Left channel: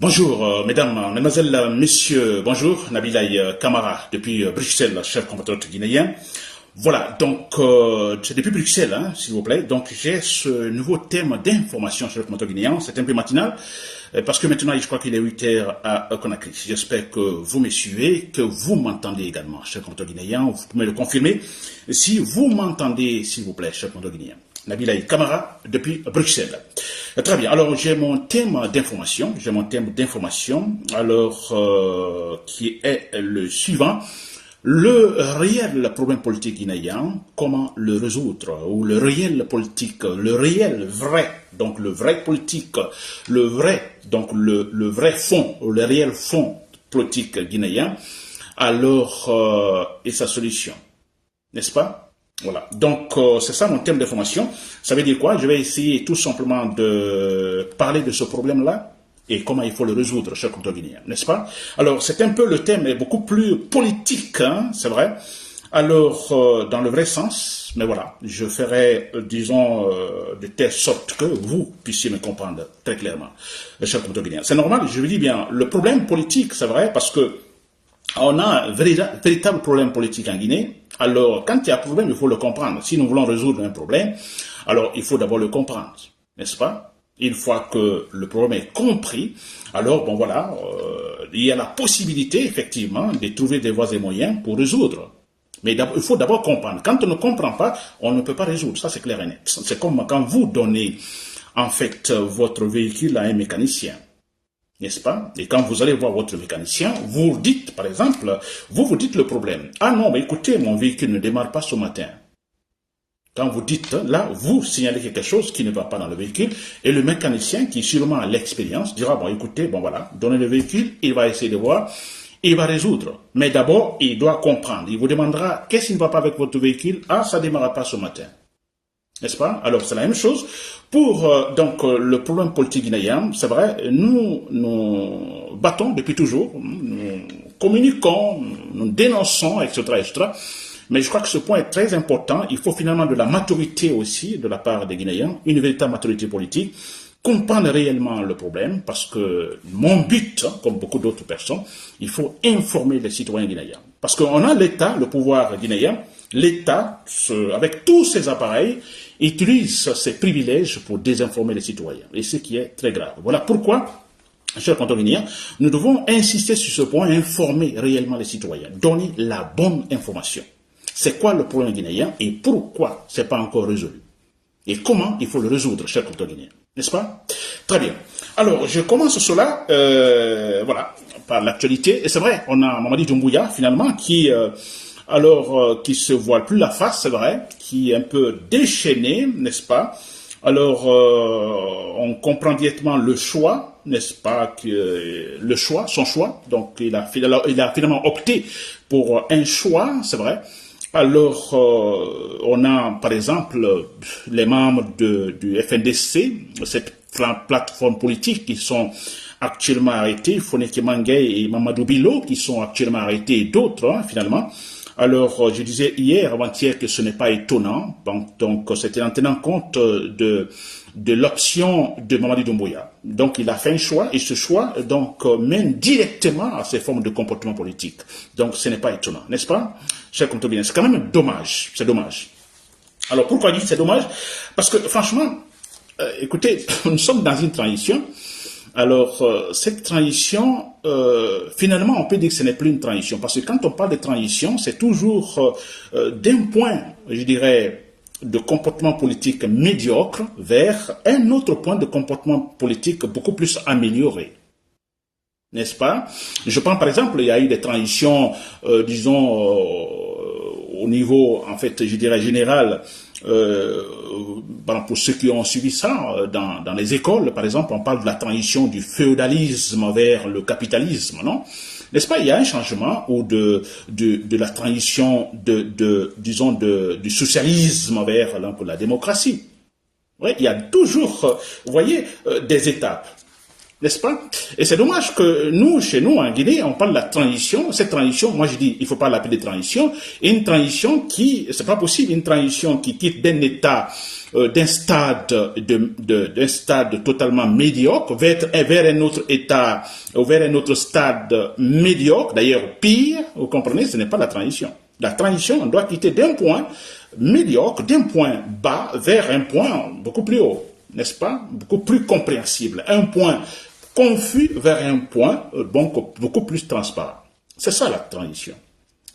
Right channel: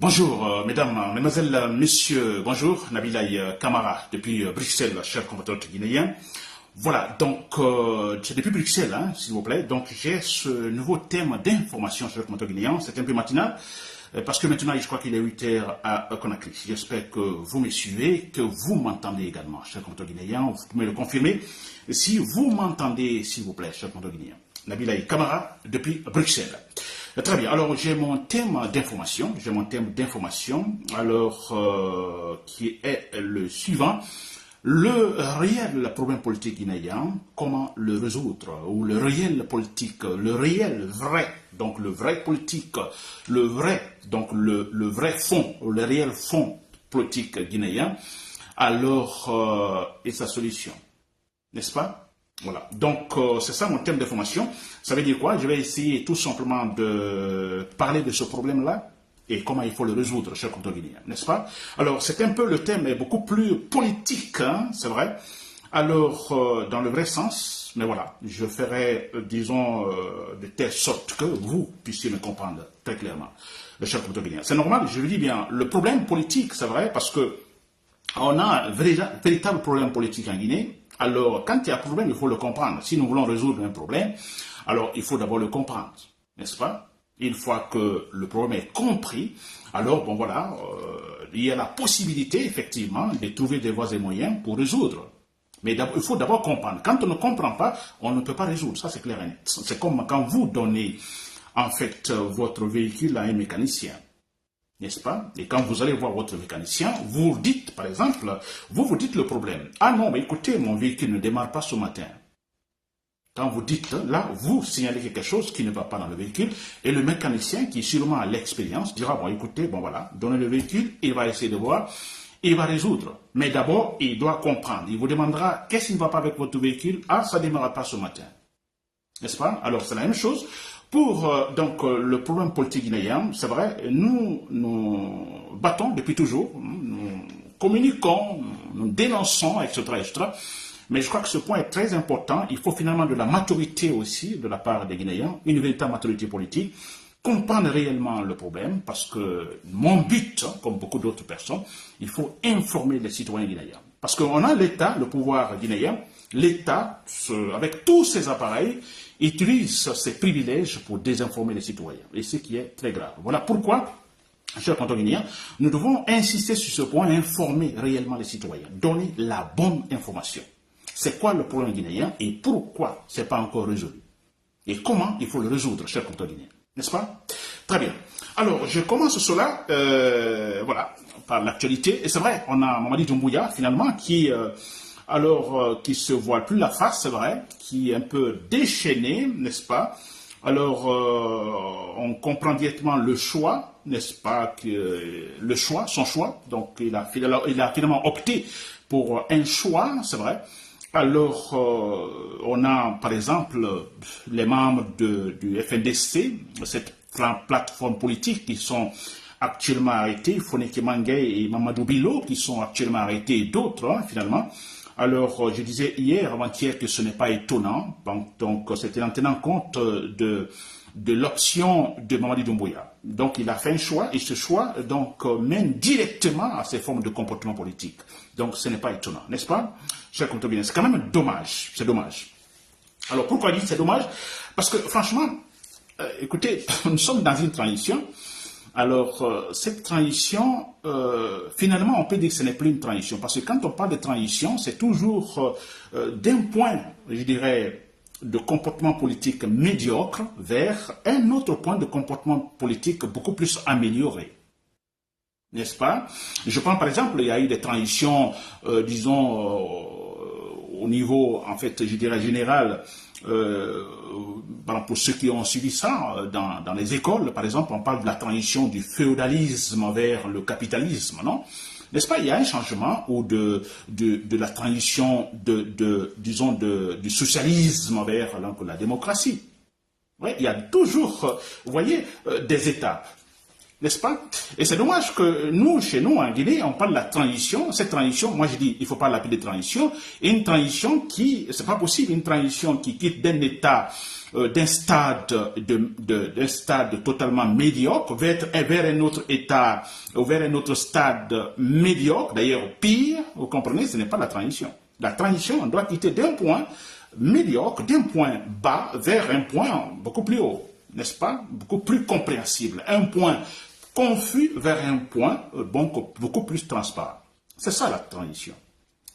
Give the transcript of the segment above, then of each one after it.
Bonjour, mesdames, mesdemoiselles, messieurs, bonjour, Nabilaï Kamara, depuis Bruxelles, chef compatriote guinéen. Voilà, donc, c'est depuis Bruxelles, hein, s'il vous plaît. Donc, j'ai ce nouveau thème d'information, chef compatriote guinéen. C'est un peu matinal, parce que maintenant, je crois qu'il est 8 heures à Conakry. J'espère que vous me suivez, que vous m'entendez également, chef compatriote guinéen. Vous pouvez me le confirmer. Si vous m'entendez, s'il vous plaît, chef compatriote guinéen. Nabilaï Kamara, depuis Bruxelles. Très bien, alors j'ai mon thème d'information, alors qui est le suivant. Le réel problème politique guinéen, comment le résoudre, ou le réel politique, le réel vrai, donc le vrai politique, le vrai, donc le vrai fond, le réel fond politique guinéen, alors, et sa solution, n'est-ce pas? Voilà, donc c'est ça mon thème d'information. Ça veut dire quoi? Je vais essayer tout simplement de parler de ce problème-là et comment il faut le résoudre, cher compteur guinéen, n'est-ce pas? Alors, c'est un peu, le thème est beaucoup plus politique, hein, c'est vrai. Alors, dans le vrai sens, mais voilà, je ferai, disons, de telle sorte que vous puissiez me comprendre très clairement, cher compteur guinéen. C'est normal, je vous dis bien, le problème politique, c'est vrai, parce que on a un véritable problème politique en Guinée. Alors, quand il y a un problème, il faut le comprendre. Si nous voulons résoudre un problème, alors il faut d'abord le comprendre, n'est-ce pas? Une fois que le problème est compris, alors, bon voilà, il y a la possibilité, effectivement, de trouver des voies et moyens pour résoudre. Mais il faut d'abord comprendre. Quand on ne comprend pas, on ne peut pas résoudre. Ça, c'est clair et net. C'est comme quand vous donnez, en fait, votre véhicule à un mécanicien. N'est-ce pas? Et quand vous allez voir votre mécanicien, vous dites, par exemple, vous dites le problème. Ah non, mais écoutez, mon véhicule ne démarre pas ce matin. Quand vous dites, là, vous signalez quelque chose qui ne va pas dans le véhicule, et le mécanicien, qui sûrement a l'expérience, dira, bon, écoutez, bon voilà, donnez le véhicule, il va essayer de voir, il va résoudre. Mais d'abord, il doit comprendre. Il vous demandera, qu'est-ce qui ne va pas avec votre véhicule? Ah, ça ne démarre pas ce matin. N'est-ce pas? Alors, c'est la même chose. Pour le problème politique guinéen, c'est vrai, nous battons depuis toujours, nous communiquons, nous dénonçons, etc., etc. Mais je crois que ce point est très important. Il faut finalement de la maturité aussi de la part des Guinéens, une véritable maturité politique, comprendre réellement le problème, parce que mon but, comme beaucoup d'autres personnes, il faut informer les citoyens guinéens. Parce qu'on a l'État, le pouvoir guinéen, l'État, avec tous ses appareils, utilise ses privilèges pour désinformer les citoyens. Et ce qui est très grave. Voilà pourquoi, chers compteurs guinéens, nous devons insister sur ce point, informer réellement les citoyens, donner la bonne information. C'est quoi le problème guinéen et pourquoi ce n'est pas encore résolu? Et comment il faut le résoudre, chers compteurs guinéens. N'est-ce pas? Très bien. Alors, je commence cela, voilà, par l'actualité. Et c'est vrai, on a Mamadi Doumbouya, finalement, qui se voile plus la face, c'est vrai, qui est un peu déchaîné, n'est-ce pas? Alors, on comprend directement le choix, n'est-ce pas, son choix. Donc, il a finalement opté pour un choix, c'est vrai. Alors, on a, par exemple, les membres du FNDC, cette plateforme politique qui sont actuellement arrêtés, Foneke Mangay et Mamadou Bilo, qui sont actuellement arrêtés, et d'autres, hein, finalement. Alors, je disais hier, avant-hier, que ce n'est pas étonnant. Donc, c'était en tenant compte de l'option de Mamadi Doumbouya. Donc, il a fait un choix, et ce choix, donc, mène directement à ces formes de comportement politique. Donc, ce n'est pas étonnant, n'est-ce pas? Chers compteurs guinéens, c'est quand même dommage. C'est dommage. Alors, pourquoi dire que c'est dommage? Parce que, franchement, écoutez, nous sommes dans une transition. Alors, cette transition, finalement, on peut dire que ce n'est plus une transition. Parce que quand on parle de transition, c'est toujours d'un point, je dirais, de comportement politique médiocre vers un autre point de comportement politique beaucoup plus amélioré. N'est-ce pas? Je prends par exemple, il y a eu des transitions, disons, au niveau, en fait, je dirais, général, pour ceux qui ont suivi ça dans les écoles, par exemple, on parle de la transition du féodalisme vers le capitalisme, non? N'est-ce pas? Il y a un changement ou de la transition disons, du socialisme vers la démocratie. Oui, il y a toujours, vous voyez, des étapes. N'est-ce pas? Et c'est dommage que nous, chez nous, en Guinée, on parle de la transition. Cette transition, moi je dis, il ne faut pas l'appeler transition. Et une transition qui, c'est pas possible, une transition qui quitte d'un état d'un stade totalement médiocre vers un autre état, vers un autre stade médiocre, d'ailleurs pire, vous comprenez, ce n'est pas la transition. La transition, on doit quitter d'un point médiocre, d'un point bas, vers un point beaucoup plus haut, n'est-ce pas? Beaucoup plus compréhensible. Un point confus vers un point beaucoup plus transparent. C'est ça la transition.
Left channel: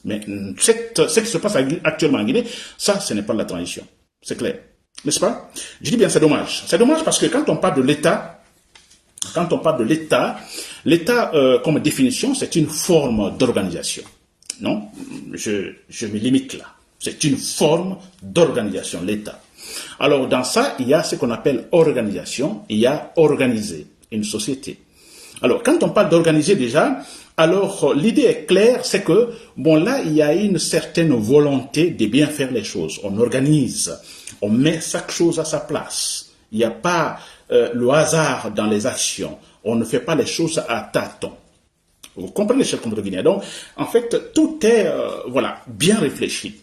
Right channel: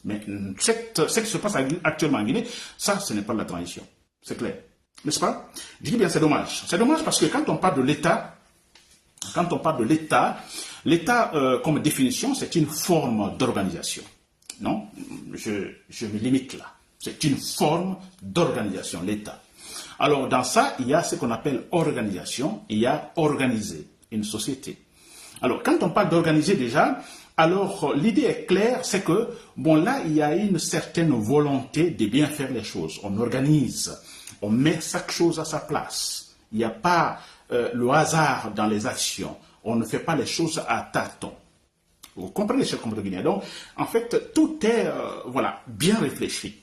Mais ce qui se passe actuellement en Guinée, ça, ce n'est pas la transition. C'est clair. N'est-ce pas? Je dis bien, c'est dommage. C'est dommage parce que quand on parle de l'État, l'État, comme définition, c'est une forme d'organisation. Non? Je me limite là. C'est une forme d'organisation, l'État. Alors, dans ça, il y a ce qu'on appelle organisation, il y a organiser une société. Alors, quand on parle d'organiser déjà, alors l'idée est claire, c'est que, bon là, il y a une certaine volonté de bien faire les choses. On organise, on met chaque chose à sa place. Il n'y a pas le hasard dans les actions. On ne fait pas les choses à tâtons. Vous comprenez, chers compatriotes? Donc, en fait, tout est, bien réfléchi.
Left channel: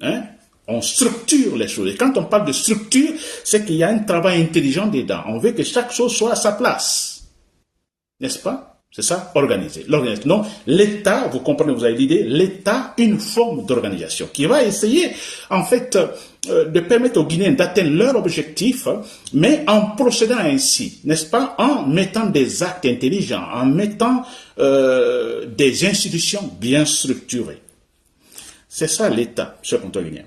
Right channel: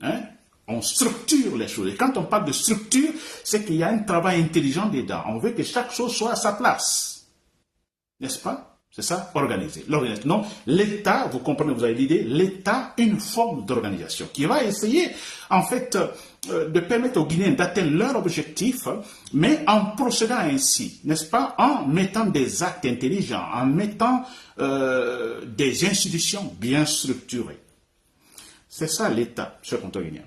Hein? On structure les choses. Et quand on parle de structure, c'est qu'il y a un travail intelligent dedans. On veut que chaque chose soit à sa place. N'est-ce pas? C'est ça, organiser. L'organisation. Donc, l'État, vous comprenez, vous avez l'idée, l'État, une forme d'organisation qui va essayer, en fait, de permettre aux Guinéens d'atteindre leur objectif, mais en procédant ainsi, n'est-ce pas? En mettant des actes intelligents, en mettant des institutions bien structurées. C'est ça l'État, ce compteur guinéen.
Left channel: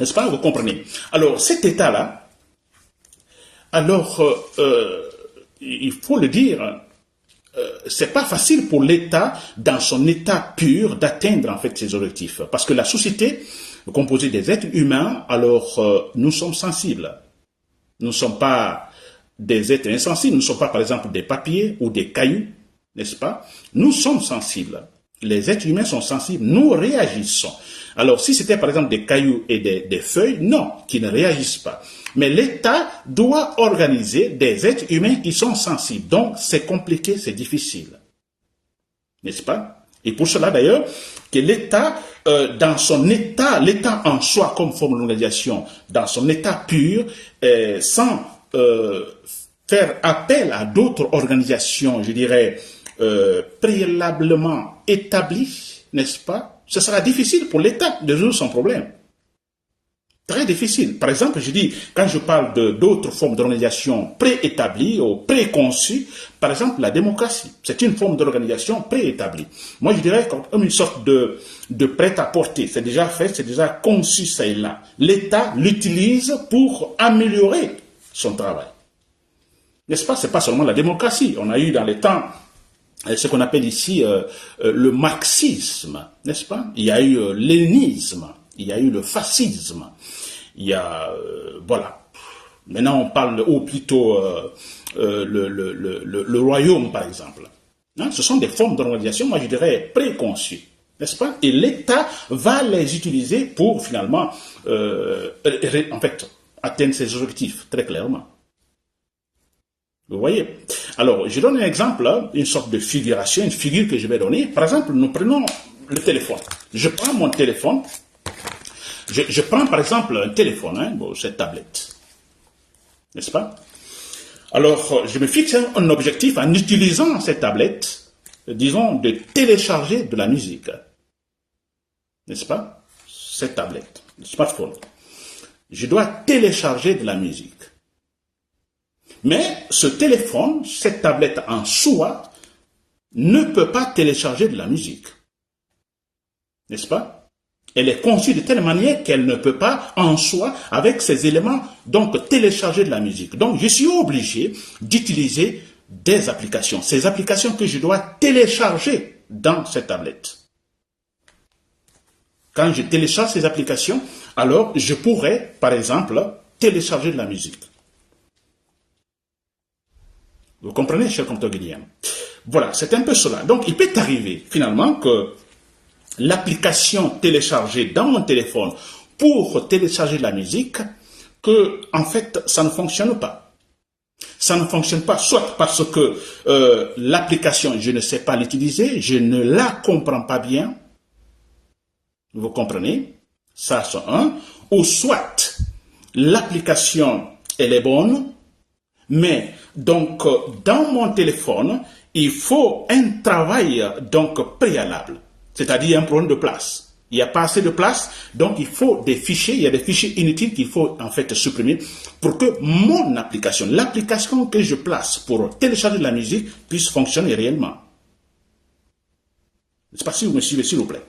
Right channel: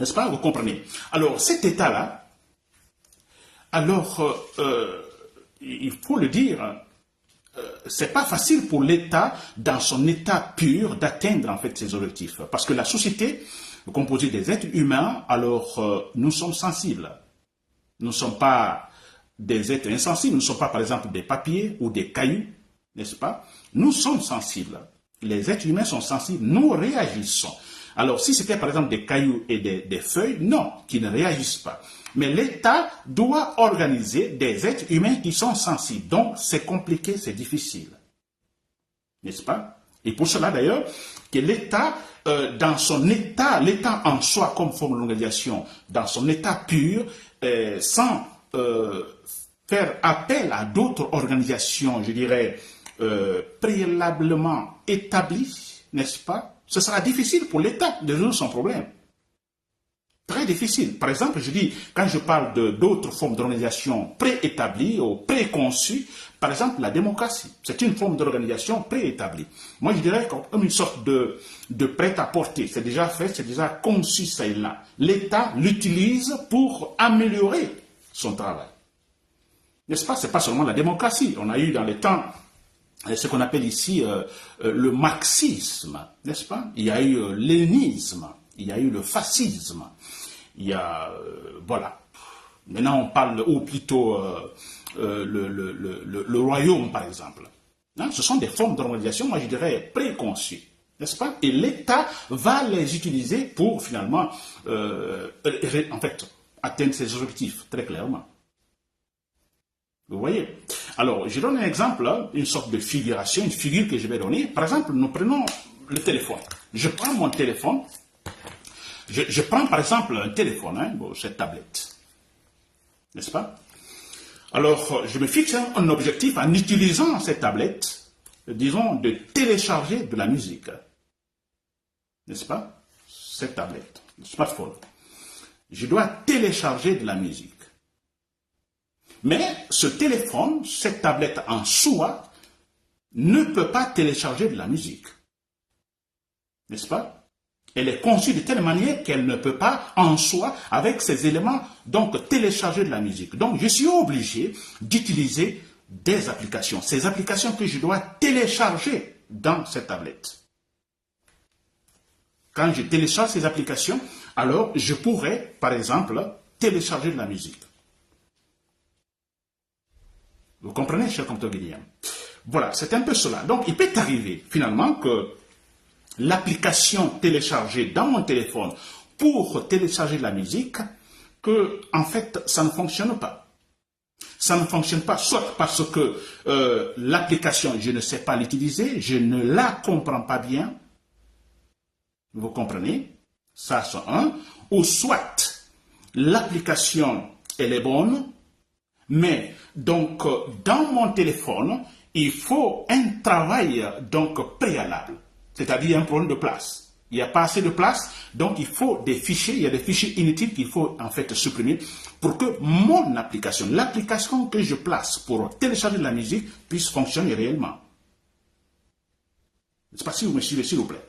N'est-ce pas? Vous comprenez? Alors, cet État-là, alors, il faut le dire, c'est pas facile pour l'État, dans son état pur, d'atteindre en fait ses objectifs. Parce que la société, composée des êtres humains, alors nous sommes sensibles. Nous ne sommes pas des êtres insensibles, nous ne sommes pas par exemple des papiers ou des cailloux, n'est-ce pas? Nous sommes sensibles. Les êtres humains sont sensibles, nous réagissons. Alors si c'était par exemple des cailloux et des feuilles, non, qui ne réagissent pas. Mais l'État doit organiser des êtres humains qui sont sensibles. Donc, c'est compliqué, c'est difficile. N'est-ce pas? Et pour cela, d'ailleurs, que l'État, dans son état, l'État en soi comme forme d'organisation, dans son état pur, sans faire appel à d'autres organisations, je dirais, préalablement établies, n'est-ce pas? Ce sera difficile pour l'État de résoudre son problème. Très difficile. Par exemple, je dis, quand je parle d'autres formes d'organisation préétablies ou préconçues, par exemple la démocratie, c'est une forme d'organisation préétablie. Moi, je dirais comme une sorte de prêt-à-porter. C'est déjà fait, c'est déjà conçu, ça et là. L'État l'utilise pour améliorer son travail. N'est-ce pas? C'est pas seulement la démocratie. On a eu dans les temps ce qu'on appelle ici le marxisme, n'est-ce pas? Il y a eu léninisme. Il y a eu le fascisme, il y a, voilà. Maintenant, on parle, ou plutôt le royaume, par exemple. Hein, ce sont des formes d'organisation, moi je dirais, préconçues, n'est-ce pas? Et l'État va les utiliser pour, finalement, en fait, atteindre ses objectifs, très clairement. Vous voyez? Alors, je donne un exemple, hein, une sorte de figuration, une figure que je vais donner. Par exemple, nous prenons le téléphone. Je prends mon téléphone. Je prends par exemple un téléphone, hein, cette tablette, n'est-ce pas? Alors, je me fixe un objectif en utilisant cette tablette, disons, de télécharger de la musique, n'est-ce pas? Cette tablette, le smartphone. Je dois télécharger de la musique. Mais ce téléphone, cette tablette en soi, ne peut pas télécharger de la musique, n'est-ce pas? Elle est conçue de telle manière qu'elle ne peut pas, en soi, avec ces éléments, donc télécharger de la musique. Donc, je suis obligé d'utiliser des applications. Ces applications que je dois télécharger dans cette tablette. Quand je télécharge ces applications, alors je pourrais, par exemple, télécharger de la musique. Vous comprenez, cher compteur guinéen? Voilà, c'est un peu cela. Donc, il peut arriver, finalement, que l'application téléchargée dans mon téléphone pour télécharger de la musique, que en fait ça ne fonctionne pas. Ça ne fonctionne pas, soit parce que l'application, je ne sais pas l'utiliser, je ne la comprends pas bien, vous comprenez? Ça c'est un. Ou soit l'application, elle est bonne, mais donc dans mon téléphone, il faut un travail donc préalable, c'est-à-dire un problème de place. Il n'y a pas assez de place, donc il faut des fichiers, il y a des fichiers inutiles qu'il faut en fait supprimer pour que mon application, l'application que je place pour télécharger de la musique puisse fonctionner réellement. Je ne sais pas si vous me suivez, s'il vous plaît.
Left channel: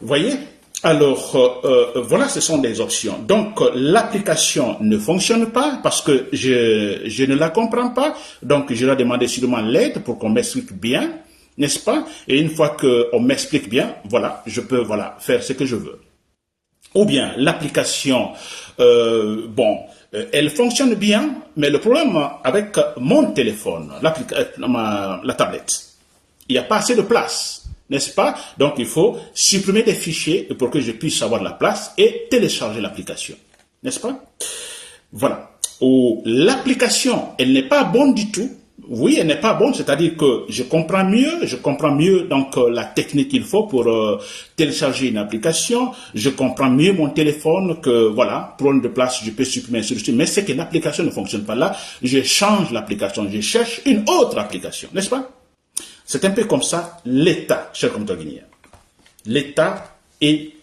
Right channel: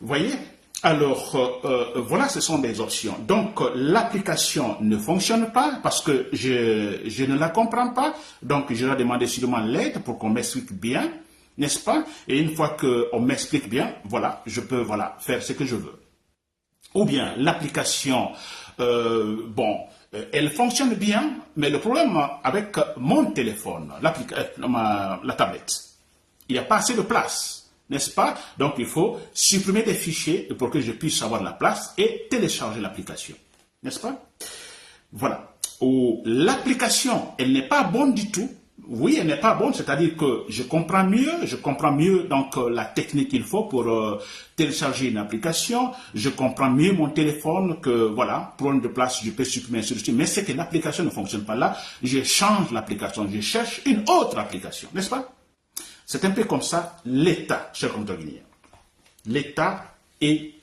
Vous voyez? Alors, voilà, ce sont des options. Donc, l'application ne fonctionne pas parce que je ne la comprends pas. Donc, je dois demander sûrement l'aide pour qu'on m'explique bien, n'est-ce pas? Et une fois qu'on m'explique bien, voilà, je peux faire ce que je veux. Ou bien, l'application, elle fonctionne bien, mais le problème avec mon téléphone, la tablette, il n'y a pas assez de place, n'est-ce pas? Donc, il faut supprimer des fichiers pour que je puisse avoir la place et télécharger l'application, n'est-ce pas? Voilà. Ou l'application, elle n'est pas bonne du tout. Oui, elle n'est pas bonne, c'est-à-dire que je comprends mieux donc la technique qu'il faut pour télécharger une application, je comprends mieux mon téléphone que voilà, problème de place, je peux supprimer sur mais c'est que l'application ne fonctionne pas là, je change l'application, je cherche une autre application, n'est-ce pas? C'est un peu comme ça l'État, chers compatriotes guinéens. L'État et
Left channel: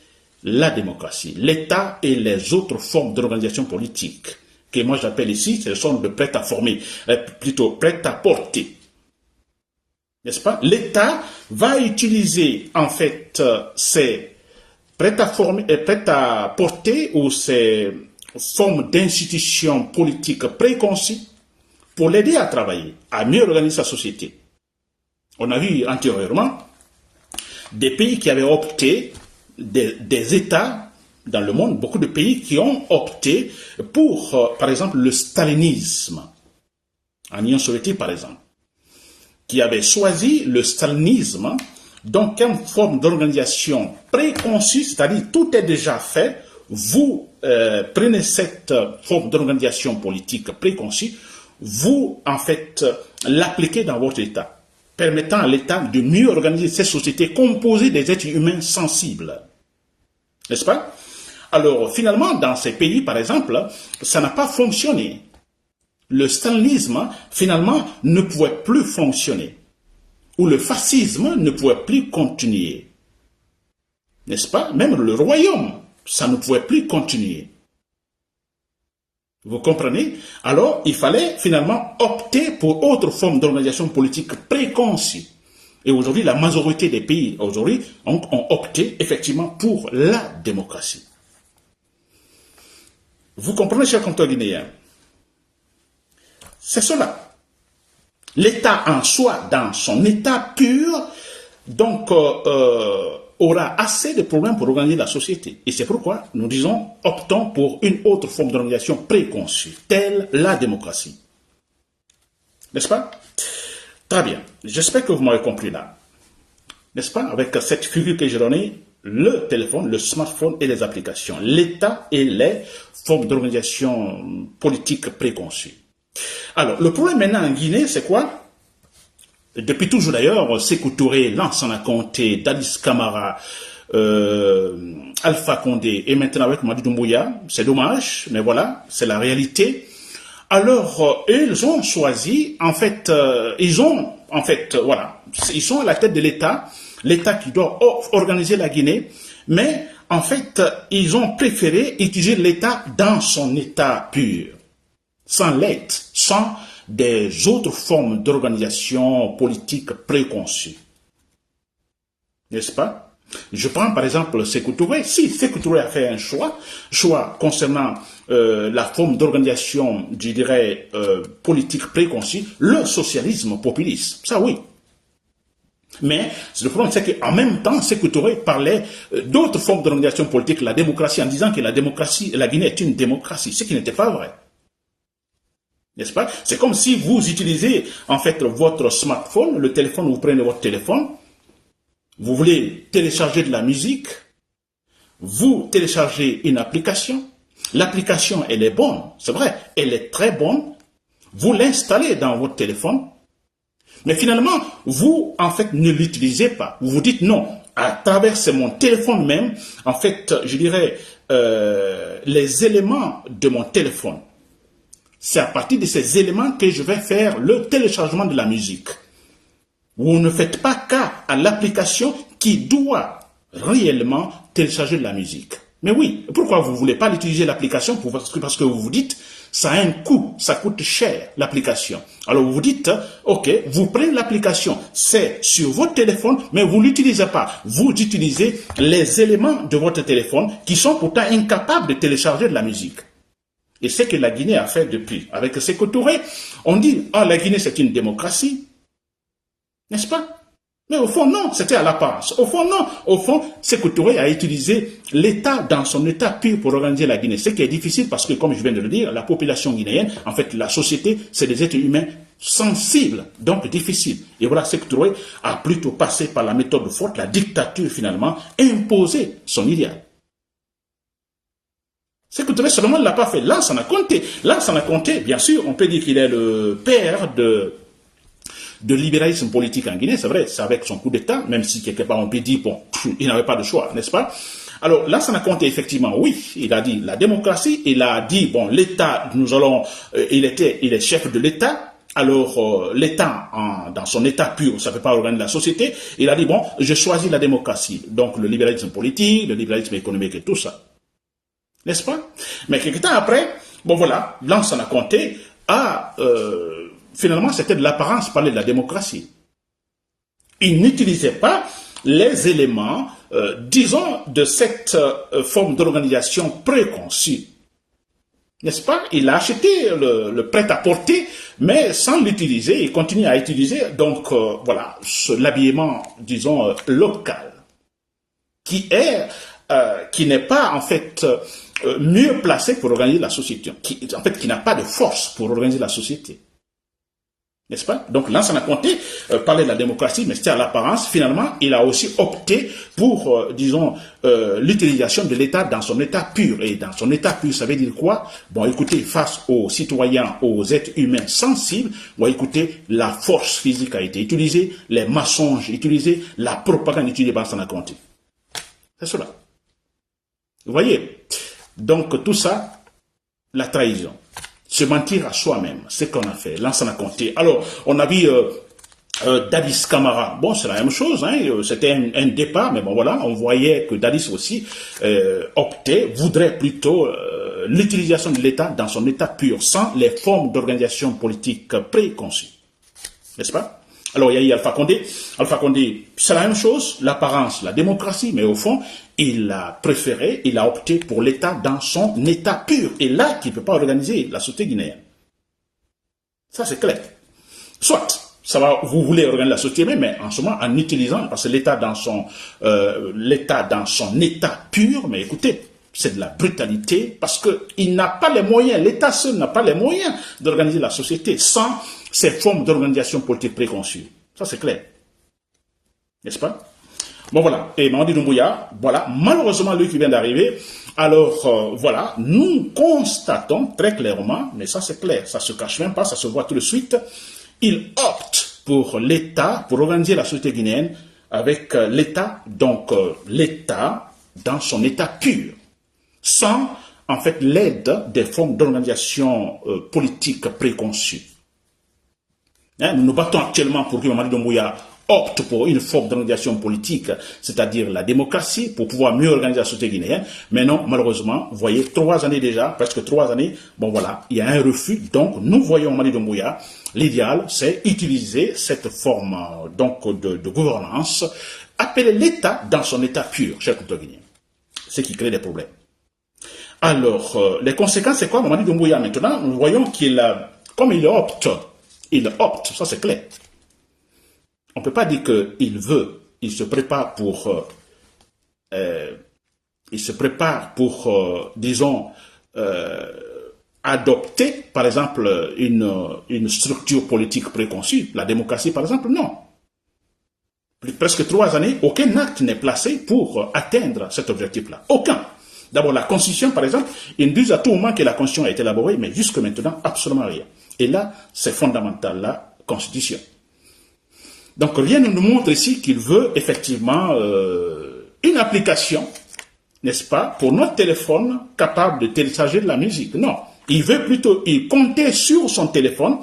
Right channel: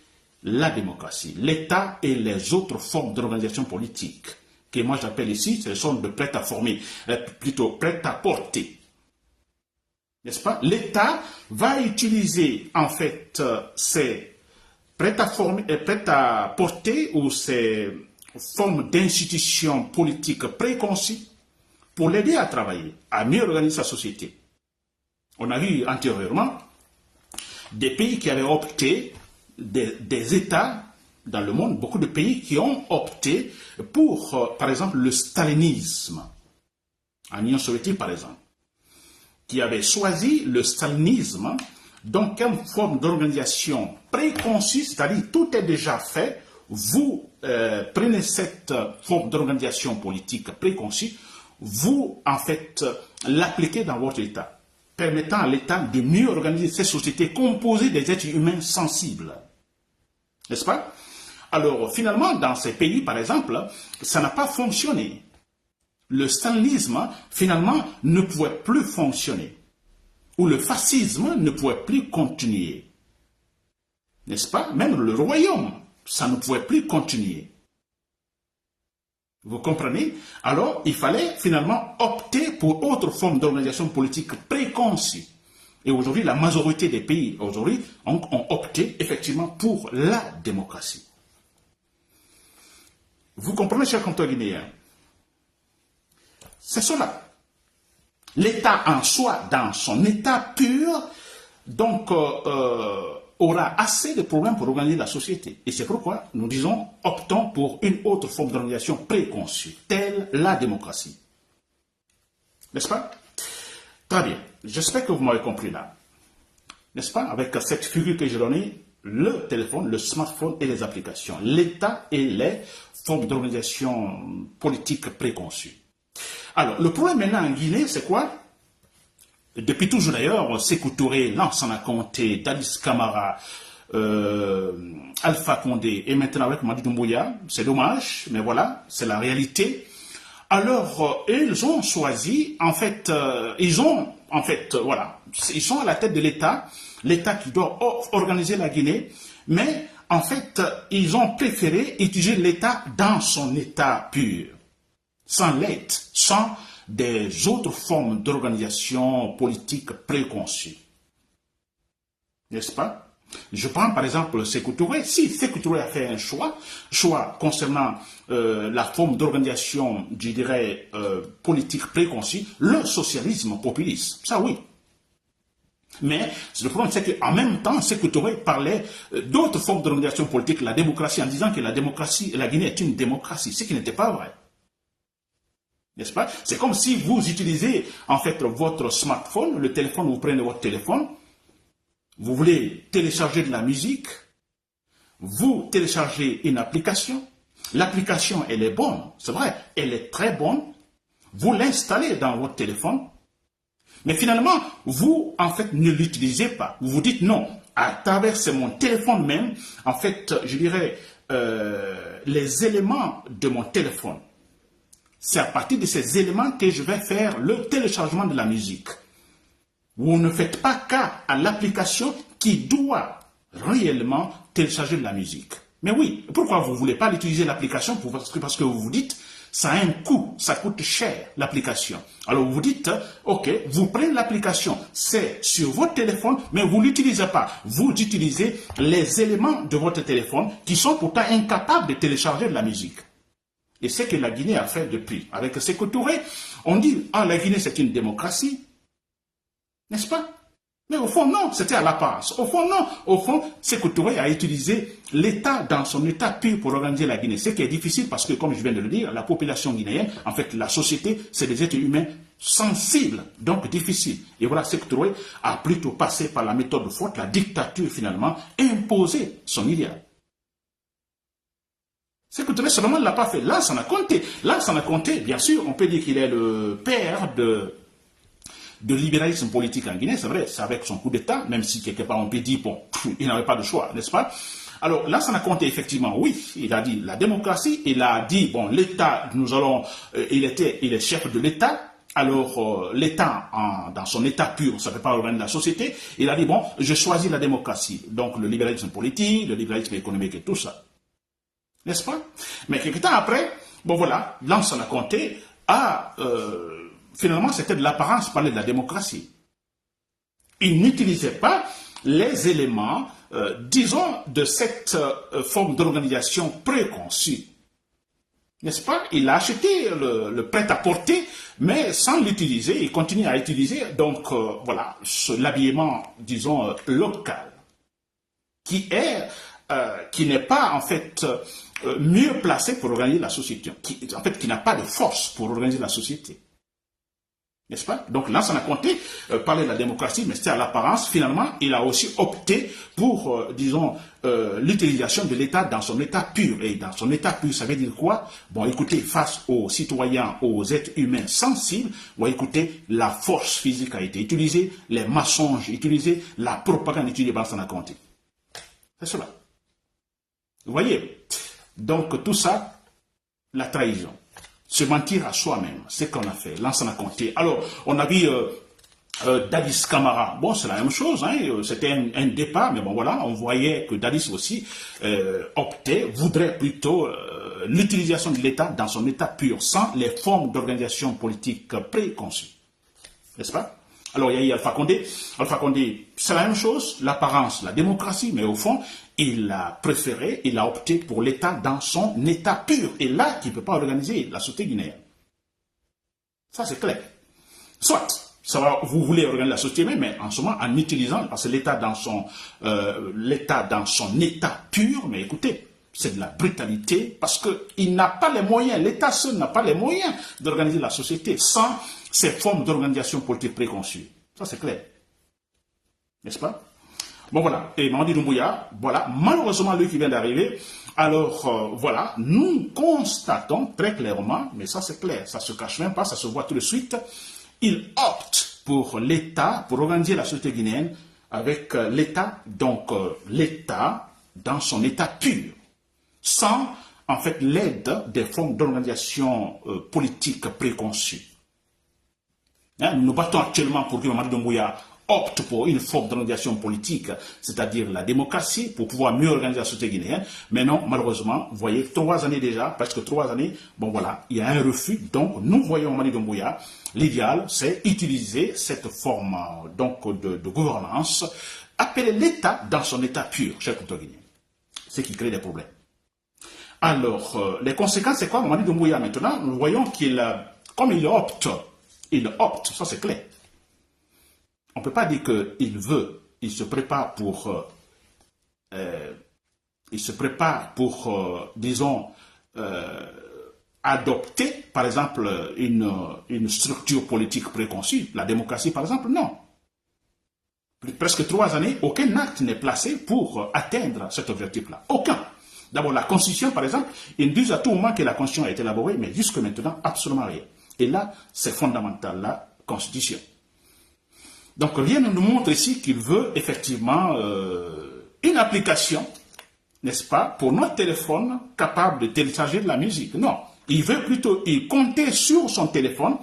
la démocratie, l'État et les autres formes d'organisation politique que moi j'appelle ici, ce sont de prêt à former, plutôt prêt à porter. N'est-ce pas? L'État va utiliser en fait ces prêt à former, prêt à porter ou ces formes d'institutions politiques préconçues pour l'aider à travailler, à mieux organiser sa société. On a vu antérieurement des pays qui avaient opté, des États dans le monde, beaucoup de pays qui ont opté pour, par exemple, le stalinisme, en Union soviétique, par exemple, qui avaient choisi le stalinisme, donc une forme d'organisation préconçue, c'est-à-dire tout est déjà fait, vous prenez cette forme d'organisation politique préconçue, vous, en fait, l'appliquez dans votre État, permettant à l'État de mieux organiser cette société composée des êtres humains sensibles. N'est-ce pas? Alors, finalement, dans ces pays, par exemple, ça n'a pas fonctionné. Le stalinisme, finalement, ne pouvait plus fonctionner. Ou le fascisme ne pouvait plus continuer. N'est-ce pas? Même le royaume, ça ne pouvait plus continuer. Vous comprenez? Alors, il fallait finalement opter pour autre forme d'organisation politique préconçue. Et aujourd'hui, la majorité des pays aujourd'hui ont opté effectivement pour la démocratie. Vous comprenez, chers compatriotes guinéens? C'est cela. L'État en soi, dans son état pur, donc aura assez de problèmes pour organiser la société. Et c'est pourquoi nous disons, optons pour une autre forme d'organisation préconçue, telle la démocratie. N'est-ce pas? Très bien. J'espère que vous m'avez compris là. N'est-ce pas? Avec cette figure que j'ai donnée, le téléphone, le smartphone et les applications. L'État et les formes d'organisation politique préconçues. Alors, le problème maintenant en Guinée, c'est quoi? Depuis toujours d'ailleurs, Sékou Touré, Lansana Conté, Dadis Camara, Alpha Condé et maintenant avec Madi Doumbouya, c'est dommage, mais voilà, c'est la réalité. Alors, ils ont choisi, en fait, ils sont à la tête de l'État qui doit organiser la Guinée, mais en fait, ils ont préféré utiliser l'État dans son état pur, sans l'aide, sans des autres formes d'organisation politique préconçues. N'est-ce pas? Je prends par exemple Sékou Touré. Si Sékou Touré a fait un choix concernant la forme d'organisation, je dirais, politique préconçue, le socialisme populiste, ça oui. Mais le problème, c'est qu'en même temps, Sékou Touré parlait d'autres formes d'organisation politique, la démocratie, en disant que la Guinée est une démocratie, ce qui n'était pas vrai. N'est-ce pas? C'est comme si vous utilisez en fait votre smartphone, le téléphone, vous prenez votre téléphone, vous voulez télécharger de la musique, vous téléchargez une application, l'application elle est bonne, c'est vrai, elle est très bonne, vous l'installez dans votre téléphone, mais finalement, vous en fait ne l'utilisez pas, vous vous dites non, à travers mon téléphone même, en fait, je dirais, les éléments de mon téléphone. C'est à partir de ces éléments que je vais faire le téléchargement de la musique. Vous ne faites pas cas à l'application qui doit réellement télécharger de la musique. Mais oui, pourquoi vous ne voulez pas utiliser l'application? Parce que vous vous dites, ça a un coût, ça coûte cher, l'application. Alors vous vous dites, ok, vous prenez l'application, c'est sur votre téléphone, mais vous ne l'utilisez pas. Vous utilisez les éléments de votre téléphone qui sont pourtant incapables de télécharger de la musique. Et c'est ce que la Guinée a fait depuis. Avec Sékou Touré, on dit, ah, la Guinée c'est une démocratie. N'est-ce pas? Mais au fond, non, c'était à l'apparence. Au fond, non. Au fond, Sékou Touré a utilisé l'État dans son état pur pour organiser la Guinée. Ce qui est difficile parce que, comme je viens de le dire, la population guinéenne, en fait, la société, c'est des êtres humains sensibles, donc difficiles. Et voilà, Sékou Touré a plutôt passé par la méthode forte, la dictature finalement, imposé son idéal. Sékou Touré seulement ne l'a pas fait. Lansana Conté. Lansana Conté, bien sûr, on peut dire qu'il est le père de libéralisme politique en Guinée, c'est vrai, c'est avec son coup d'État, même si quelque part on peut dire, bon, il n'avait pas de choix, n'est-ce pas? Alors, Lansana Conté, effectivement, oui, il a dit la démocratie, il a dit, bon, l'État, il est chef de l'État, alors l'État, dans son état pur, ça ne peut pas organiser la société, il a dit, bon, je choisis la démocratie, donc le libéralisme politique, le libéralisme économique et tout ça, n'est-ce pas? Mais quelque temps après, bon voilà, Lansana Conté a... finalement, c'était de l'apparence parler de la démocratie. Il n'utilisait pas les éléments, disons, de cette forme d'organisation préconçue. N'est-ce pas? Il a acheté le prêt-à-porter, mais sans l'utiliser, il continue à utiliser, donc, voilà, l'habillement, disons, local, qui n'est pas, en fait, mieux placé pour organiser la société, qui n'a pas de force pour organiser la société. N'est-ce pas? Donc Lansana Conté parlait de la démocratie, mais c'était à l'apparence. Finalement, il a aussi opté pour, disons, l'utilisation de l'État dans son état pur. Et dans son état pur, ça veut dire quoi? Bon, écoutez, face aux citoyens, aux êtres humains sensibles, bon, écoutez, la force physique a été utilisée, les mensonges utilisés, la propagande utilisée par Lansana Conté. C'est cela. Vous voyez? Donc tout ça, la trahison. Se mentir à soi-même, c'est ce qu'on a fait, Lansana Conté. Alors, on a vu Dadis Camara, bon, c'est la même chose, hein, c'était un départ, mais bon, voilà, on voyait que Dadis aussi voudrait plutôt l'utilisation de l'État dans son état pur, sans les formes d'organisation politique préconçues. N'est-ce pas? Alors, il y a eu Alpha Condé. Alpha Condé, c'est la même chose, l'apparence, la démocratie, mais au fond, il a préféré, il a opté pour l'État dans son état pur. Et là, qui ne peut pas organiser la société guinéenne. Ça, c'est clair. Soit, vous voulez organiser la société, mais en ce moment, en utilisant, parce que l'État dans son état pur, mais écoutez, c'est de la brutalité, parce qu'il n'a pas les moyens, l'État seul n'a pas les moyens d'organiser la société sans ces formes d'organisation politique préconçues. Ça, c'est clair. N'est-ce pas? Bon, voilà. Et Mamadi Doumbouya, voilà, malheureusement, lui qui vient d'arriver, alors, voilà, nous constatons très clairement, mais ça, c'est clair, ça ne se cache même pas, ça se voit tout de suite, il opte pour l'État, pour organiser la société guinéenne avec l'État, donc l'État dans son état pur, sans, en fait, l'aide des formes d'organisation politique préconçues. Hein, nous nous battons actuellement pour que Mamadi Doumbouya opte pour une forme d'organisation politique, c'est-à-dire la démocratie, pour pouvoir mieux organiser la société guinéenne. Mais non, malheureusement, vous voyez, 3 années déjà, presque 3 années, bon voilà, il y a un refus. Donc, nous voyons Mamadi Doumbouya, l'idéal, c'est utiliser cette forme donc de gouvernance, appeler l'État dans son état pur, chers compatriotes guinéens. Ce qui crée des problèmes. Alors, les conséquences, c'est quoi? Mamadi Doumbouya, maintenant, nous voyons comme il opte, ça c'est clair. On ne peut pas dire qu'il veut, il se prépare pour, disons, adopter, par exemple, une structure politique préconçue. La démocratie, par exemple, non. Presque 3 années, aucun acte n'est placé pour atteindre cet objectif-là. Aucun. D'abord, la Constitution, par exemple, ils disent à tout moment que la Constitution a été élaborée, mais jusque maintenant, absolument rien. Et là, c'est fondamental, la Constitution. Donc, rien ne nous montre ici qu'il veut effectivement une application n'est-ce pas, pour notre téléphone capable de télécharger de la musique. Non, il veut plutôt compter sur son téléphone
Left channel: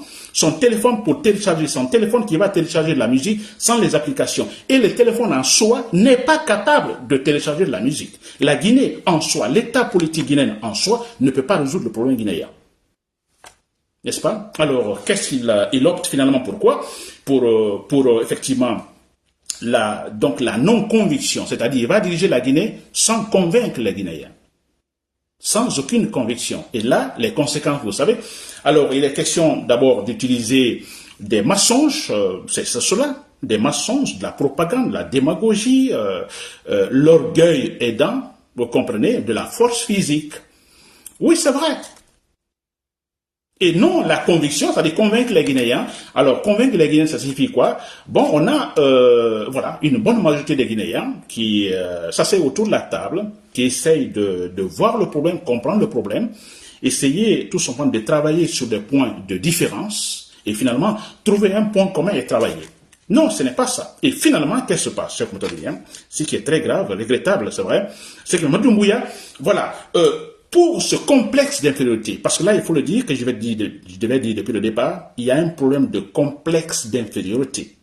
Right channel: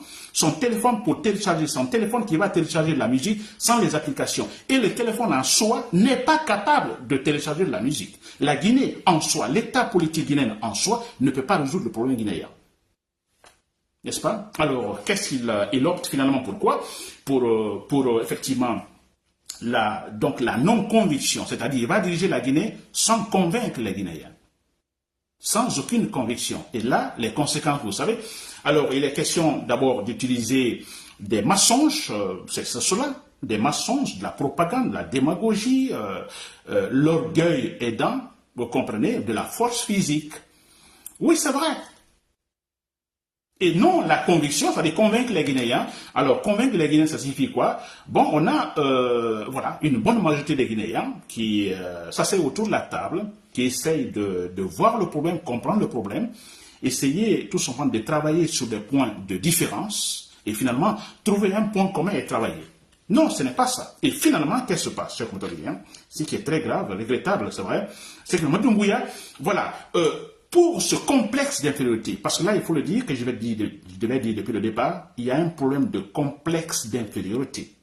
pour télécharger, son téléphone qui va télécharger de la musique sans les applications. Et le téléphone en soi n'est pas capable de télécharger de la musique. La Guinée en soi, l'état politique guinéen en soi ne peut pas résoudre le problème guinéen. N'est-ce pas? Alors, qu'est-ce qu'il opte finalement? Pourquoi? Pour effectivement la non-conviction, c'est-à-dire il va diriger la Guinée sans convaincre les Guinéens, sans aucune conviction. Et là, les conséquences, vous savez. Alors, il est question d'abord d'utiliser des mensonges, c'est cela, des mensonges, de la propagande, de la démagogie, l'orgueil aidant, vous comprenez, de la force physique. Oui, c'est vrai. Et non la conviction, c'est-à-dire convaincre les Guinéens. Alors, convaincre les Guinéens, ça signifie quoi? Bon, on a voilà, une bonne majorité des Guinéens qui s'asseyent autour de la table, qui essayent de voir le problème, comprendre le problème, essayer tout simplement de travailler sur des points de différence et finalement trouver un point commun et travailler. Non, ce n'est pas ça. Et finalement, qu'est-ce qui se passe, cher Moutouria? Ce qui est très grave, regrettable, c'est vrai, c'est que Mamadou Doumbouya, voilà, pour ce complexe d'infériorité, parce que là, il faut le dire, que je devais dire depuis le départ, il y a un problème de complexe d'infériorité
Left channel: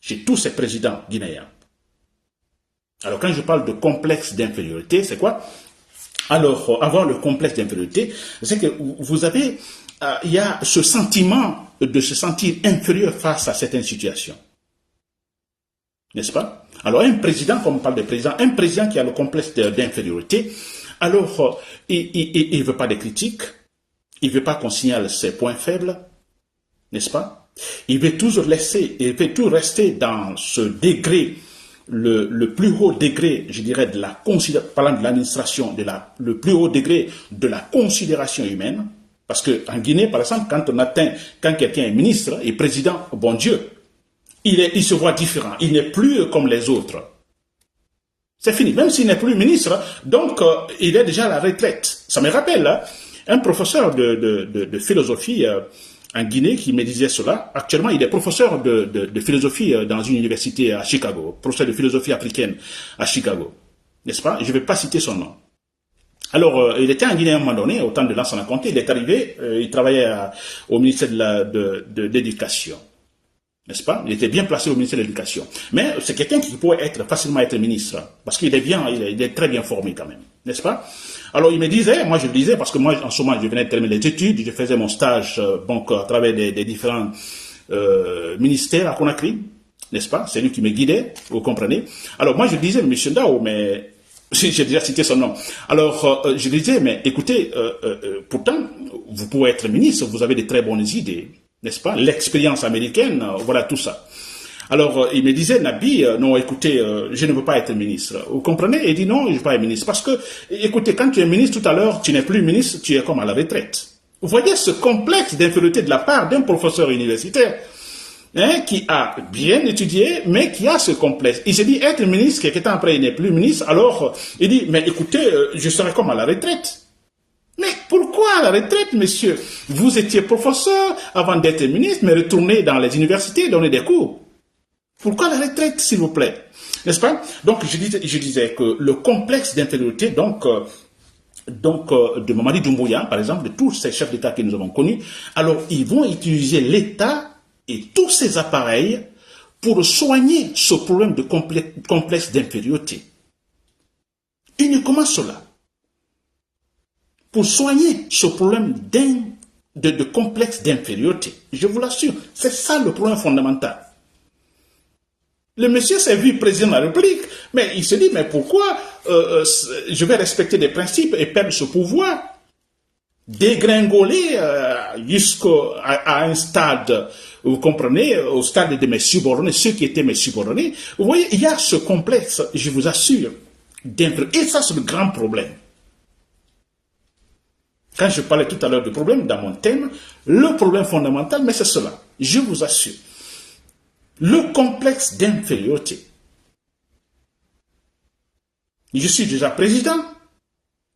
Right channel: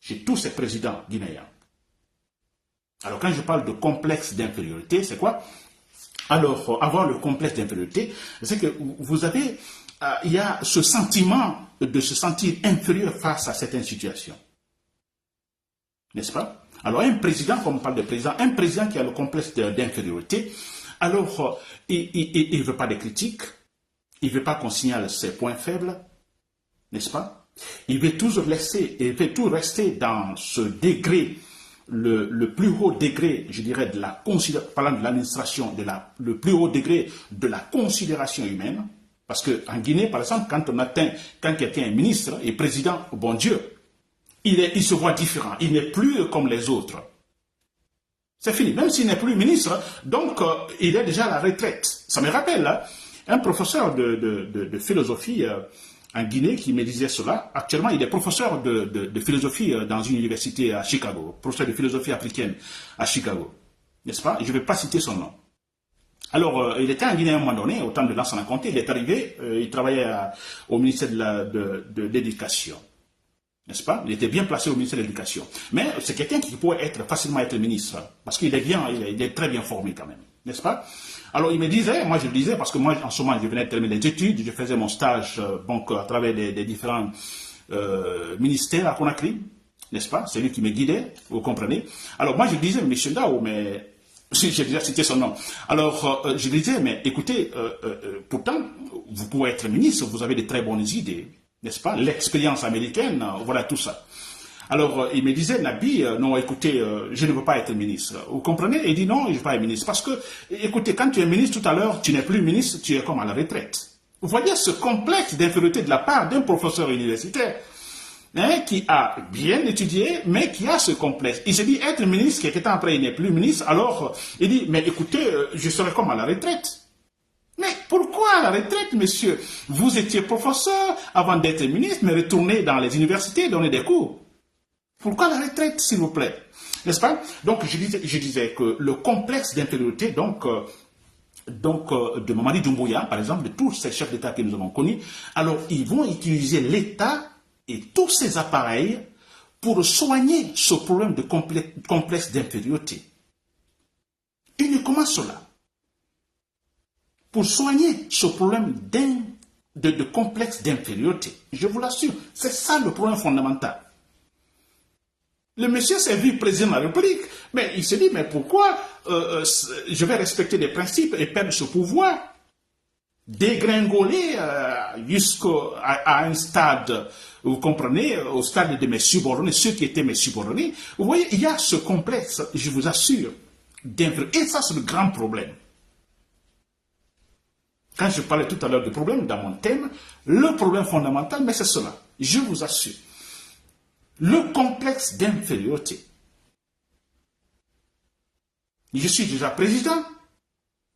chez tous ces présidents guinéens. Alors, quand je parle de complexe d'infériorité, c'est quoi? Alors, avoir le complexe d'infériorité, c'est que vous avez, il y a ce sentiment de se sentir inférieur face à certaines situations. N'est-ce pas? Alors, un président, comme on parle de président, un président qui a le complexe d'infériorité, alors, il ne veut pas de critiques, il ne veut pas qu'on signale ses points faibles, n'est-ce pas? Il veut toujours rester dans ce degré, le plus haut degré, je dirais, parlant de l'administration, le plus haut degré de la considération humaine. Parce qu'en Guinée, par exemple, quand quelqu'un est ministre et président, bon Dieu, il se voit différent, il n'est plus comme les autres. C'est fini, même s'il n'est plus ministre, donc il est déjà à la retraite. Ça me rappelle un professeur de philosophie en Guinée qui me disait cela. Actuellement, il est professeur de philosophie dans une université à Chicago, professeur de philosophie africaine à Chicago, n'est-ce pas? Je ne vais pas citer son nom. Alors, il était en Guinée à un moment donné, au temps de Lansana Conté, il est arrivé, il travaillait au ministère de l'Éducation. N'est-ce pas? Il était bien placé au ministère de l'Éducation. Mais c'est quelqu'un qui pourrait facilement être ministre, parce qu'il est il est très bien formé quand même. N'est-ce pas? Alors il me disait, moi je le disais, parce que moi en ce moment je venais de terminer les études, je faisais mon stage donc à travers des différents ministères à Conakry, n'est-ce pas? C'est lui qui me guidait, vous comprenez? Alors moi je disais, M. Ndao, mais j'ai déjà cité son nom. Alors je disais, mais écoutez, pourtant vous pouvez être ministre, vous avez de très bonnes idées. N'est-ce pas? L'expérience américaine, voilà tout ça. Alors, il me disait, Nabi, non, écoutez, je ne veux pas être ministre. Vous comprenez? Il dit, non, je ne veux pas être ministre. Parce que, écoutez, quand tu es ministre tout à l'heure, tu n'es plus ministre, tu es comme à la retraite. Vous voyez ce complexe d'infériorité de la part d'un professeur universitaire qui a bien étudié, mais qui a ce complexe. Il s'est dit, être ministre, quelques temps après, il n'est plus ministre. Alors, il dit, mais écoutez, je serai comme à la retraite. Mais pourquoi à la retraite, monsieur? Vous étiez professeur avant d'être ministre, mais retournez dans les universités, donner des cours. Pourquoi la retraite, s'il vous plaît? N'est-ce pas? Donc, je disais que le complexe d'infériorité, de Mamadi Doumbouya, par exemple, de tous ces chefs d'État que nous avons connus, alors ils vont utiliser l'État et tous ses appareils pour soigner ce problème de complexe d'infériorité. Uniquement cela. Pour soigner ce problème de complexe d'infériorité. Je vous l'assure, c'est ça le problème fondamental. Le monsieur s'est vu président de la République, mais il se dit, mais pourquoi je vais respecter des principes et perdre ce pouvoir? Dégringoler jusqu'à un stade, vous comprenez, au stade de mes subordonnés, ceux qui étaient mes subordonnés. Vous voyez, il y a ce complexe, je vous assure, d'infériorité. Et ça, c'est le grand problème. Quand je parlais tout à l'heure du problème, dans mon thème, le problème fondamental, mais c'est cela, je vous assure. Le complexe d'infériorité. Je suis déjà président,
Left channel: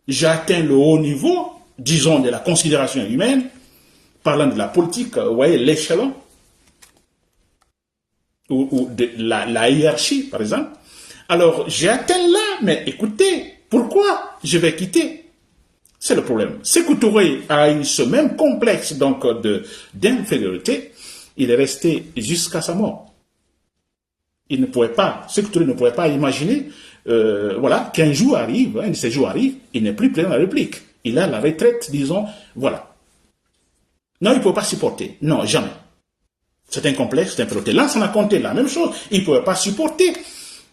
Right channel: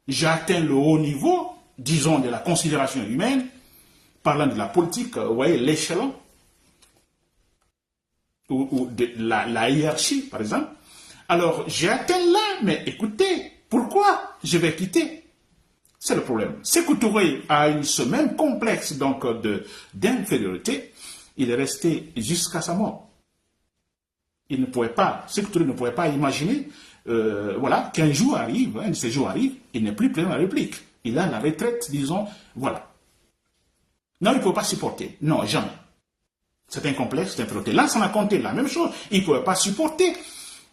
j'ai atteint le haut niveau, disons, de la considération humaine, parlant de la politique, vous voyez, l'échelon, ou de la hiérarchie, par exemple. Alors, j'ai atteint là, mais écoutez, Pourquoi je vais quitter? C'est le problème. Sékou Touré a eu ce même complexe donc d'infériorité. Il est resté jusqu'à sa mort. Il ne pouvait pas, Sékou Touré ne pouvait pas imaginer voilà, qu'un jour arrive, un de ces jours arrive, il n'est plus président de la République. Il a la retraite, disons, voilà. Non, il ne peut pas supporter. Non, jamais. C'est un complexe d'infériorité. Là, ça a compté la même chose. Il ne pouvait pas supporter.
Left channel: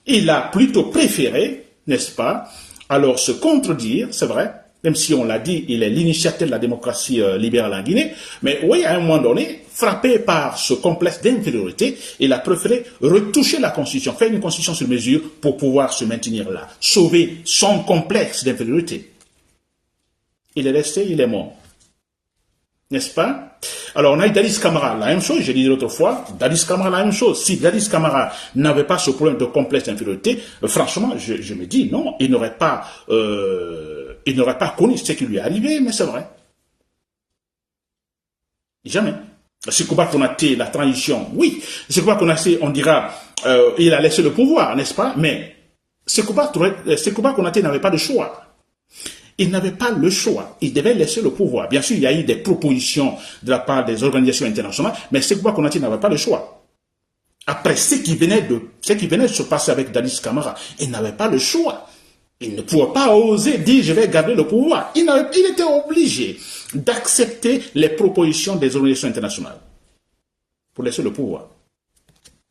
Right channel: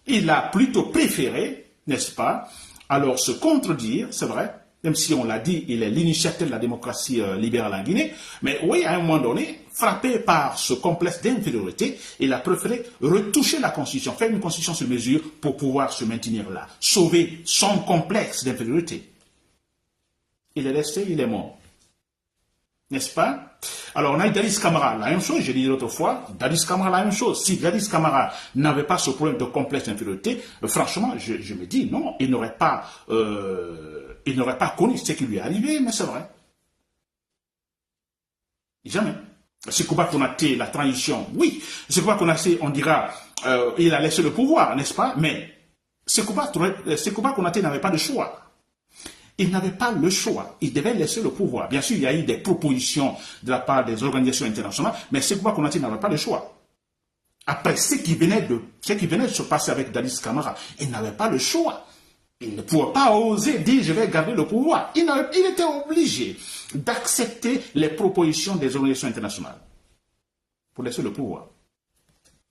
Il a plutôt préféré, n'est-ce pas, alors se contredire, c'est vrai, même si on l'a dit, il est l'initiateur de la démocratie libérale en Guinée, mais oui, à un moment donné, frappé par ce complexe d'infériorité, il a préféré retoucher la Constitution, faire une Constitution sur mesure pour pouvoir se maintenir là, sauver son complexe d'infériorité. Il est resté, il est mort. N'est-ce pas? Alors, on a eu Dadis Camara, la même chose, j'ai dit l'autre fois, Dadis Camara, la même chose. Si Dadis Camara n'avait pas ce problème de complexe d'infériorité, franchement, je me dis, non, il n'aurait pas connu ce qui lui est arrivé, mais c'est vrai. Jamais. Sékouba Konaté, la transition, oui. Sékouba Konaté, on dira, il a laissé le pouvoir, n'est-ce pas? Mais Sékouba Konaté n'avait pas de choix. Il n'avait pas le choix. Il devait laisser le pouvoir. Bien sûr, il y a eu des propositions de la part des organisations internationales, mais Sékouba Konaté n'avait pas le choix. Après ce qui venait de se passer avec Dadis Camara, il n'avait pas le choix. Il ne pouvait pas oser dire je vais garder le pouvoir. Il était obligé d'accepter les propositions des organisations internationales pour laisser le pouvoir.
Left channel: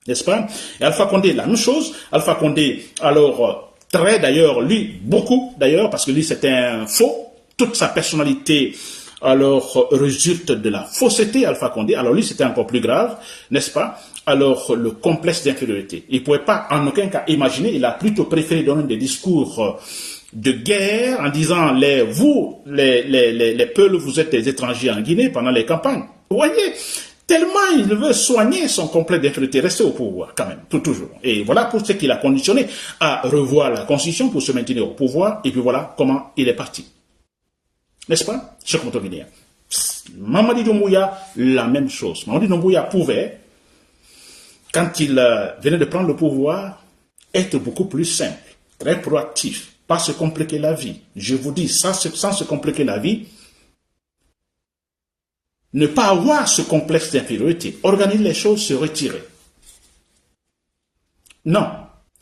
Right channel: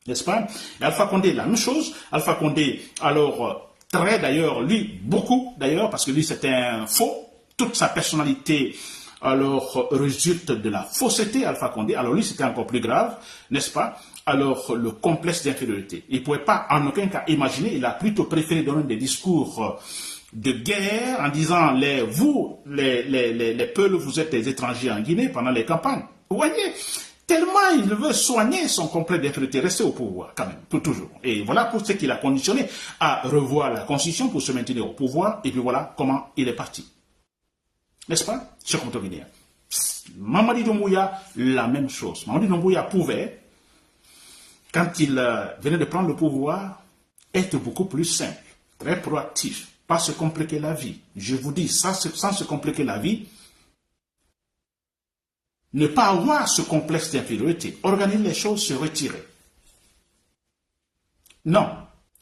N'est-ce pas? Et Alpha Condé, la même chose. Alpha Condé, alors, très d'ailleurs, lui, beaucoup d'ailleurs, parce que lui c'était un faux, toute sa personnalité alors résulte de la fausseté Alpha Condé, alors lui c'était encore plus grave, n'est-ce pas? Alors le complexe d'infériorité, il ne pouvait pas en aucun cas imaginer, il a plutôt préféré donner des discours de guerre en disant les Peuls, vous êtes des étrangers en Guinée pendant les campagnes. Vous voyez? Tellement il veut soigner son complexe d'infériorité, rester au pouvoir quand même, pour toujours. Et voilà pour ce qu'il a conditionné à revoir la Constitution pour se maintenir au pouvoir, et puis voilà comment il est parti. N'est-ce pas, chers compatriotes? Mamadi Doumbouya, la même chose. Mamadi Doumbouya pouvait, quand il venait de prendre le pouvoir, être beaucoup plus simple, très proactif, pas se compliquer la vie. Je vous dis, sans se compliquer la vie, ne pas avoir ce complexe d'infériorité, organiser les choses, se retirer. Non,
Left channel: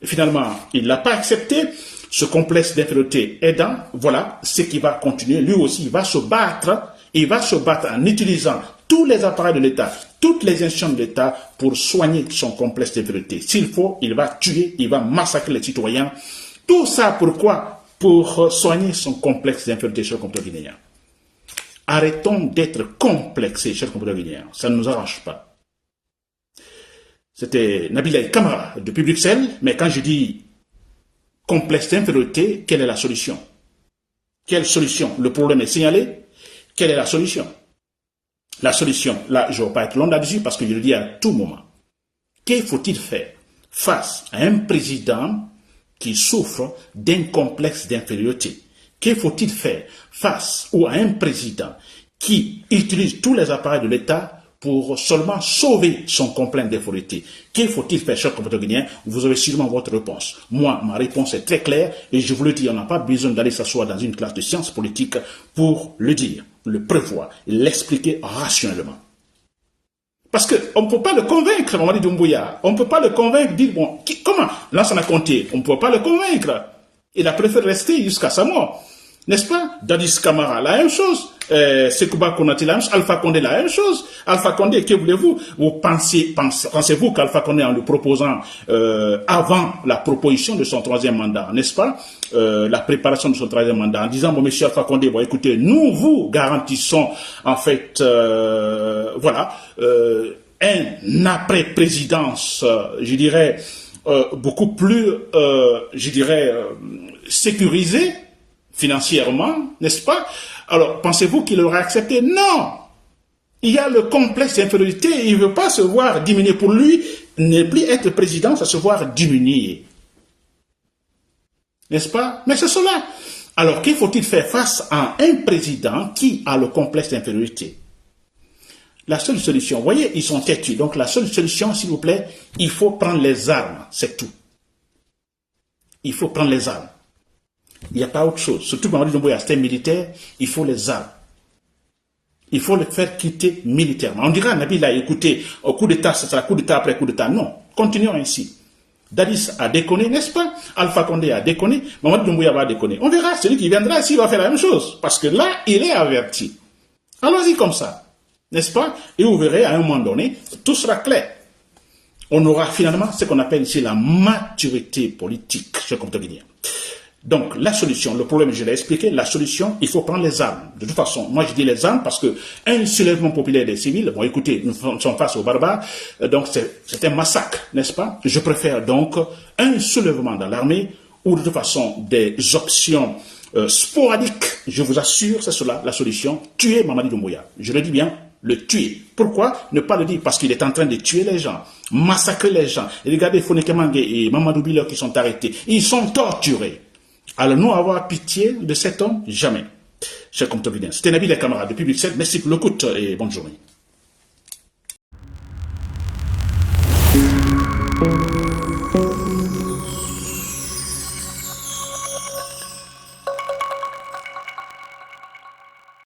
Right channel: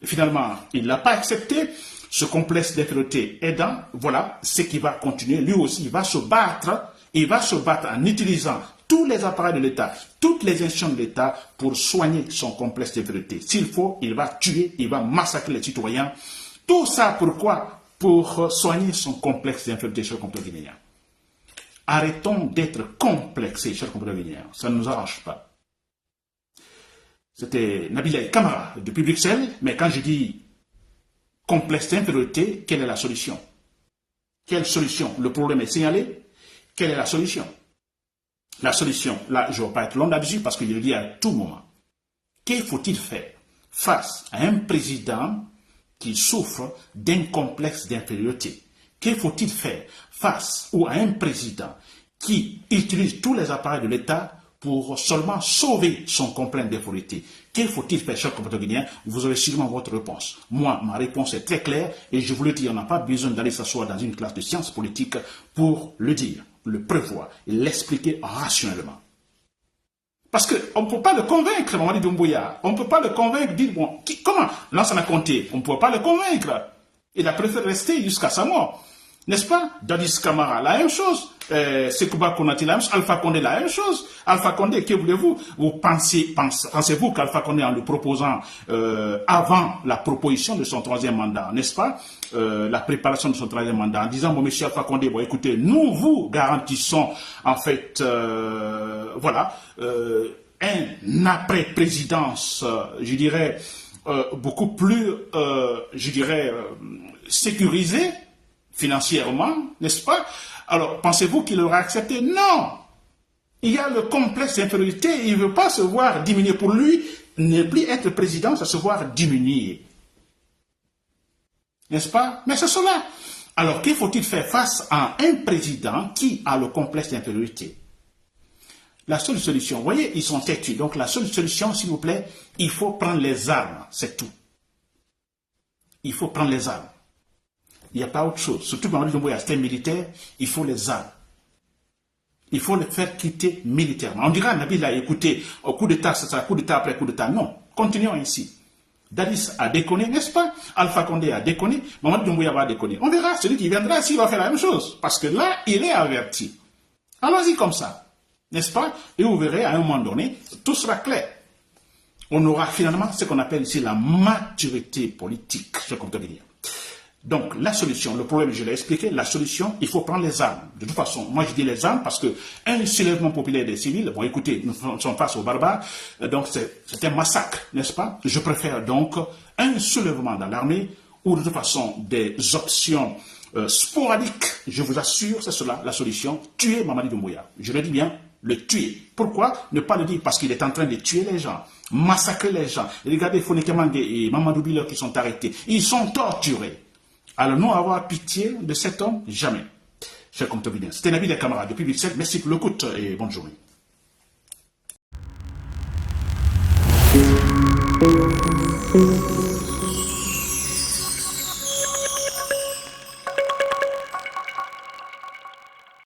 finalement, il ne l'a pas accepté, ce complexe d'infériorité aidant, voilà ce qui va continuer. Lui aussi, il va se battre en utilisant tous les appareils de l'État, toutes les institutions de l'État pour soigner son complexe d'infériorité. S'il faut, il va tuer, il va massacrer les citoyens. Tout ça pourquoi? Pour soigner son complexe d'infériorité, chers compatriotes guinéens. Arrêtons d'être complexés, chers compatriotes guinéens. Ça ne nous arrange pas. C'était Nabil Camara depuis Bruxelles, mais quand je dis complexe d'infériorité, quelle est la solution? Quelle solution? Le problème est signalé. Quelle est la solution? La solution, là, je ne vais pas être long là-dessus parce que je le dis à tout moment. Que faut-il faire face à un président qui souffre d'un complexe d'infériorité? Que faut-il faire face à un président qui utilise tous les appareils de l'État pour seulement sauver son complexe d'infériorité? Que faut-il faire, chers compatriotes guinéens? Vous avez sûrement votre réponse. Moi, ma réponse est très claire et je vous le dis, on n'a pas besoin d'aller s'asseoir dans une classe de sciences politiques pour le dire, le prévoir et l'expliquer rationnellement. Parce qu'on ne peut pas le convaincre, Mamadi Doumbouya. On ne peut pas le convaincre, dire, bon, comment? Lansana Conté, on ne peut pas le convaincre. Il a préféré rester jusqu'à sa mort. N'est-ce pas? Dadis Camara, la même chose. Sékouba Konaté, la même chose. Alpha Condé, la même chose. Alpha Condé, que voulez-vous? Pensez-vous qu'Alpha Condé, en le proposant avant la proposition de son troisième mandat, n'est-ce pas? La préparation de son troisième mandat, en disant, bon, monsieur Alpha Condé, bon, écoutez, nous vous garantissons, en fait, voilà, un après-présidence, je dirais, beaucoup plus, je dirais, sécurisé financièrement, n'est-ce pas? Alors, pensez-vous qu'il aurait accepté? Non! Il y a le complexe d'infériorité, il ne veut pas se voir diminuer. Pour lui, ne plus être président, c'est se voir diminuer. N'est-ce pas? Mais c'est cela. Alors, qu'il faut-il faire face à un président qui a le complexe d'infériorité? La seule solution, vous voyez, ils sont têtus. Donc, la seule solution, s'il vous plaît, il faut prendre les armes. C'est tout. Il faut prendre les armes. Il n'y a pas autre chose. Surtout quand on dit Doumbouya, c'est un militaire, il faut les armes. Il faut le faire quitter militairement. On dira, Nabil a écouté, au coup d'État, ça sera coup d'État après coup d'État. Non, continuons ainsi. Dadis a déconné, n'est-ce pas? Alpha Condé a déconné, Mamadou Doumbouya va déconner. On verra, celui qui viendra ici va faire la même chose. Parce que là, il est averti. Allons-y comme ça, n'est-ce pas? Et vous verrez, à un moment donné, tout sera clair. On aura finalement ce qu'on appelle ici la maturité politique, cher compte guinéen. Donc, la solution, le problème, je l'ai expliqué, la solution, il faut prendre les armes. De toute façon, moi je dis les armes parce que un soulèvement populaire des civils, bon écoutez, nous sommes face aux barbares, donc c'est un massacre, n'est-ce pas? Je préfère donc un soulèvement dans l'armée ou de toute façon des options sporadiques, je vous assure, c'est cela la solution, tuer Mamadi Doumbouya. Je le dis bien, le tuer. Pourquoi ne pas le dire? Parce qu'il est en train de tuer les gens, massacrer les gens. Et regardez Foné Kemangue et Mamadou Bilo qui sont arrêtés, ils sont torturés. Allons-nous avoir pitié de cet homme? Jamais. Cher compte guinéen. C'était Nabil et camarades depuis Bruxelles. Merci pour l'écoute et bonne journée.